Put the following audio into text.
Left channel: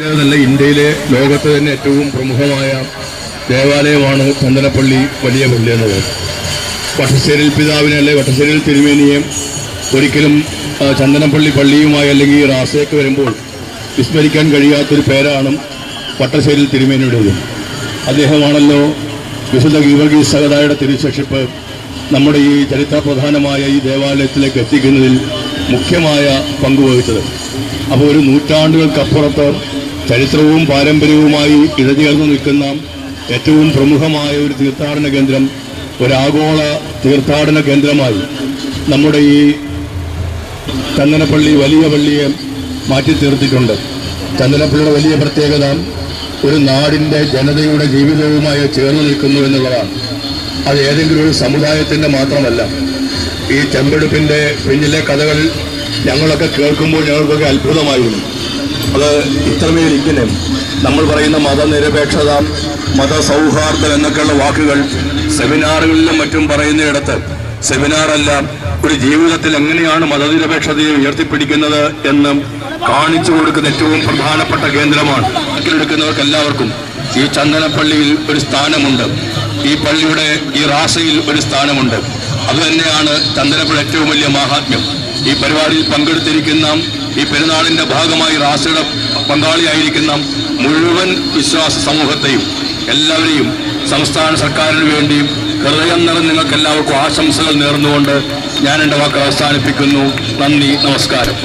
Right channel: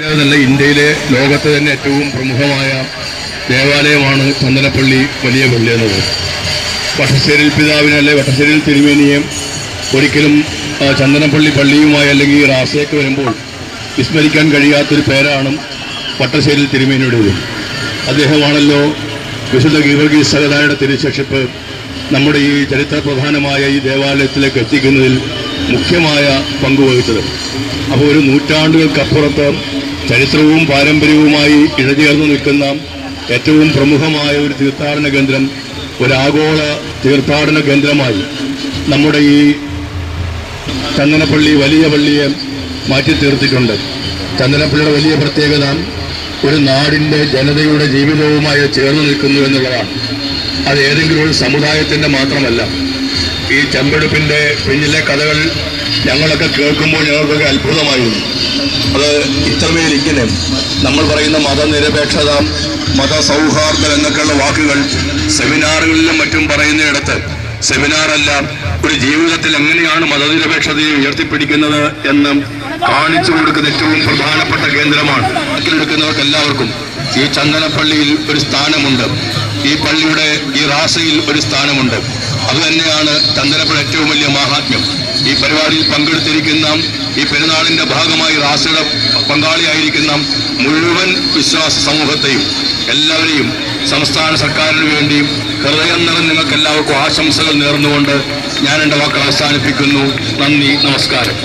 ഇതല്ല ഇന്ത്യയിലെ ലോകത്തെ തന്നെ ഏറ്റവും പ്രമുഖമായ ദേവാലയമാണ് ചന്ദനപ്പള്ളി വലിയ പള്ളി എന്നത് വട്ടശ്ശേരിൽ പിതാവിനെ അല്ലെ വട്ടശ്ശേരിൽ തിരുമേനിയെ ഒരിക്കലും ചന്ദനപ്പള്ളി പള്ളിയുമായി അല്ലെങ്കിൽ റാസയൊക്കെ വരുമ്പോൾ വിസ്മരിക്കാൻ കഴിയാത്തൊരു പേരാണ് വട്ടശ്ശേരിൽ തിരുമേനിയുടേത്. അദ്ദേഹമാണല്ലോ വിശുദ്ധ ഗീവർഗീസ് സഹതായുടെ തിരുശക്ഷിപ്പ് നമ്മുടെ ഈ ചരിത്ര പ്രധാനമായ ഈ ദേവാലയത്തിലേക്ക് എത്തിക്കുന്നതിൽ മുഖ്യമായ പങ്കുവഹിച്ചത് അപ്പോൾ ഒരു നൂറ്റാണ്ടുകൾക്കപ്പുറത്ത് ചരിത്രവും പാരമ്പര്യവുമായി ഇഴചേർന്ന് നിൽക്കുന്ന ഏറ്റവും പ്രമുഖമായ ഒരു തീർത്ഥാടന കേന്ദ്രം ഒരു ആഗോള തീർത്ഥാടന കേന്ദ്രമായി നമ്മുടെ ഈ ചന്ദനപ്പള്ളി വലിയ പള്ളിയെ മാറ്റി തീർത്തിട്ടുണ്ട്. ചന്ദനപ്പള്ളിയുടെ വലിയ പ്രത്യേകത ഒരു നാടിന്റെ ജനതയുടെ ജീവിതവുമായി ചേർന്ന് നിൽക്കുന്നു എന്നുള്ളതാണ്. അത് ഏതെങ്കിലും ഒരു സമുദായത്തിന്റെ മാത്രമല്ല. ഈ ചെമ്പെടുപ്പിന്റെ പിന്നിലെ കഥകൾ ഞങ്ങളൊക്കെ കേൾക്കുമ്പോൾ ഞങ്ങൾക്കൊക്കെ അത്ഭുതമായിരുന്നു അത് ഇത്രമേൽ ഇങ്ങനെ. നമ്മൾ പറയുന്ന മതനിരപേക്ഷത മതസൗഹാർദ്ദം എന്നൊക്കെയുള്ള വാക്കുകൾ സെമിനാറുകളിലും മറ്റും പറയുന്നിടത്ത് സെമിനാറല്ല ഒരു ജീവിതത്തിൽ എങ്ങനെയാണ് മതനിരപേക്ഷതയെ ഉയർത്തിപ്പിടിക്കുന്നത് എന്ന് കാണിച്ചു കൊടുക്കുന്ന ഏറ്റവും പ്രധാനപ്പെട്ട കേന്ദ്രമാണ്. കണക്കിലെടുക്കുന്നവർക്ക് എല്ലാവർക്കും ഈ ചന്ദനപ്പള്ളിയിൽ ഒരു സ്ഥാനമുണ്ട്. ഈ പള്ളിയുടെ ഈ റാസയിൽ ഒരു സ്ഥാനമുണ്ട്. അത് തന്നെയാണ് ചന്ദനപ്പുഴ ഏറ്റവും വലിയ മഹാത്മ്യം. ഈ പരിപാടിയിൽ പങ്കെടുത്തിരിക്കുന്ന ഈ പെരുന്നാളിന്റെ ഭാഗമായി റാസയുടെ പങ്കാളിയായിരിക്കുന്ന മുഴുവൻ വിശ്വാസ സമൂഹത്തെയും എല്ലാവരെയും സംസ്ഥാന സർക്കാരിന് വേണ്ടിയും ഹൃദയം നിറം നിങ്ങൾക്ക് എല്ലാവർക്കും ആശംസകൾ നേർന്നുകൊണ്ട് ഞാൻ എന്റെ വാക്ക് അവസാനിപ്പിക്കുന്നു. നന്ദി നമസ്കാരം.